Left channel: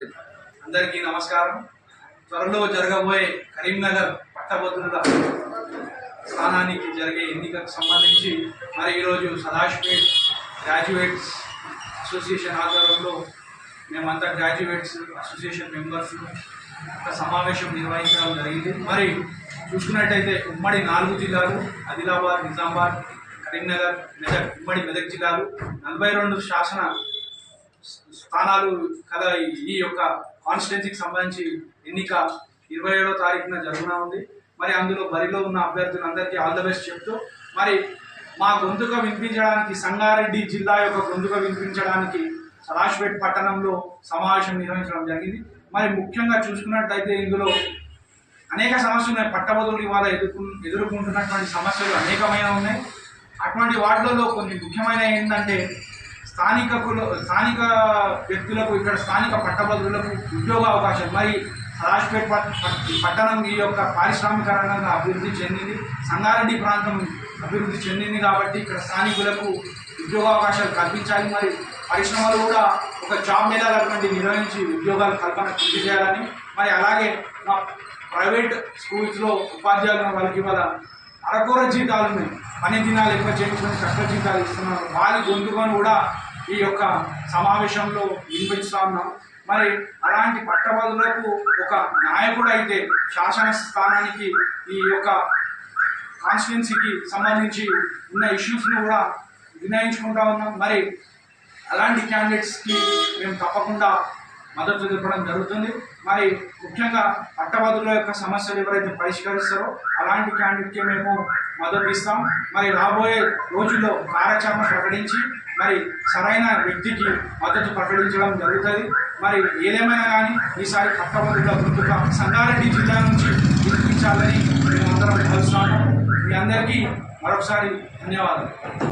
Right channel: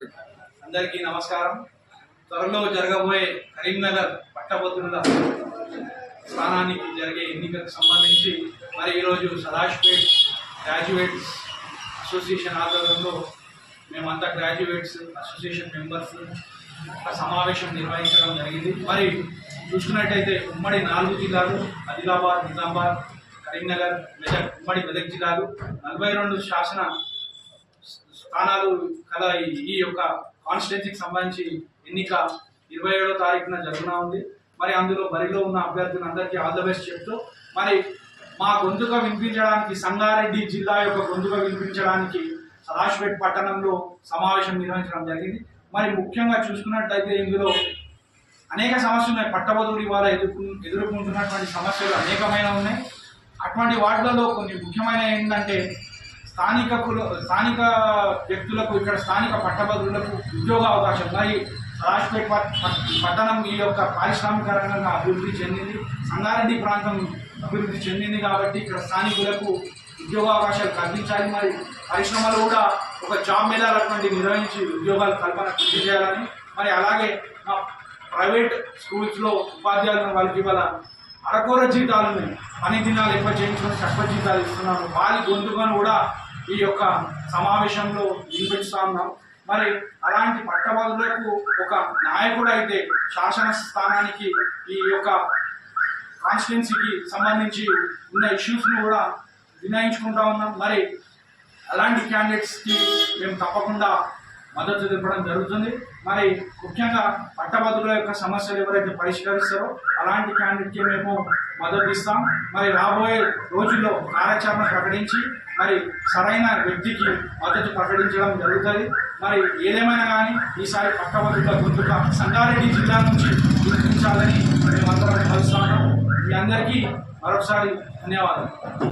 అందరికీ నమస్కారం. త్వరలో జరగబోయే కరీంనగర్ పట్టభద్రుల స్థానానికి జరిగే ఎన్నికకు సంబంధించి మరి ఈరోజు సదాష్పేట్ గ్రాడ్యుయేట్స్ అసోసియేషన్ ఆధ్వర్యంలో మేమంతా గ్రాడ్యుయేట్స్ అసోసియేషన్ మెంబర్స్ ఒక సమావేశం నిర్వహించడం జరిగింది. మరి చూసుకున్నట్టయితే ఉమ్మడి నాలుగు జిల్లాలు ఆదిలాబాద్ నిజామాబాద్ కరీంనగర్ మెదక్ ఉమ్మడి మెదక్ జిల్లాలు నలభై రెండు శాసన స్థానాలు కదా ఈ యొక్క కాన్స్టిట్యున్సీకి సంబంధించి ఎన్నిక ఇరవై ఏడో తారీఖున జరుగునా ఉంది. మరి అందులో బరిలో ఉన్న అభ్యర్థులందరికీ ఆల్ ద బెస్ట్ చెప్తూ మరి మా గొంతుక వినిపించడానికి సంగారెడ్డి జిల్లా యొక్క గొంతుక వినిపించడానికి సదాశిపేట్ పట్టణంలో సమావేశం నిర్వహించడం జరిగింది. మరి ముఖ్యంగా చూసుకున్నట్టయితే ఇందులో అనేక సమస్యలు ఉన్నాయి. పట్టభద్రులు ఇవాళ ఎదుర్కొ ఎదుర్కొంటున్నటువంటి సమస్యలు అనేకమైన ఉన్నాయి. అటువంటి వాటిలలో కొన్ని ముఖ్యమైన ఏంటంటే స్థానిక కుల స్థానిక వ్యక్తులకు ఇక్కడ స్థానిక పట్టభద్రులకు ఉద్యోగ అవకాశం. మరి రాజ్పేట్ పట్- పట్టణం ఈ యొక్క పారిశ్రామిక రంగంగా అభివృద్ధి చెందింది. సంగారెడ్డి ప్రాంతం అభివృద్ధి చెందింది కాబట్టి ఇక్కడ స్థానికులకు ఉద్యోగ అవకాశాలు కల్పించాలి. మరి పరిశ్రమలు కూడా ఒక జాబ్ మేళాలు నిర్వహించి ఉద్యోగాలు కల్పన కృషి చేయాలని. మరి అలాగే మా ప్రైవేట్ స్కూల్స్లో ఉపాధ్యాయులను వాళ్ళకి ఇవాళ అరకూర జీతాలు పని దినాలు ఎక్కువ చేయించుకొని తక్కువ జీతాలు ఇస్తున్నాము. వారి గొంతుకొని కూడా ఈ యొక్క సమావేశంలో వినిపిస్తా ఉన్నాం మరి అలాంటి పట్టభద్రులకు ఒక నాయకుడు అయితే శాసన స్థానానికి ఈ యొక్క కాన్స్టిట్యున్సీకి సంబంధించి ఉన్న ఇష్యూస్ను కూడా వినయించుకుంటా ఉన్నాం. మరి అలాంటి క్యాండిడేట్స్కి మేము తప్పకుండా మద్దతు తెలపడం జరుగుతుంది. మరి ముఖ్యంగా పట్టభద్రుల యొక్క సమస్యలు ఎవరైతే పరిష్కరిస్తారో అలాంటి క్యాండిడేట్కి మేము మద్దతు ఇస్తాం. మరి రాబోయే రోజుల్లో కార్యాచరణ ప్రకటించి మరి సరైన వ్యక్తికి మద్దతు ప్రకటించడం జరుగుతుంది. మరి ఏదేమైనా కానీ ఈసారి పట్టభద్రుల గుర్తుక సంగారెడ్డి జిల్లా నుంచి గుర్తించాలని మేమందరం కలుస్తున్నాము మీ అందరికీ మరొకసారి ధన్యవాదాలు.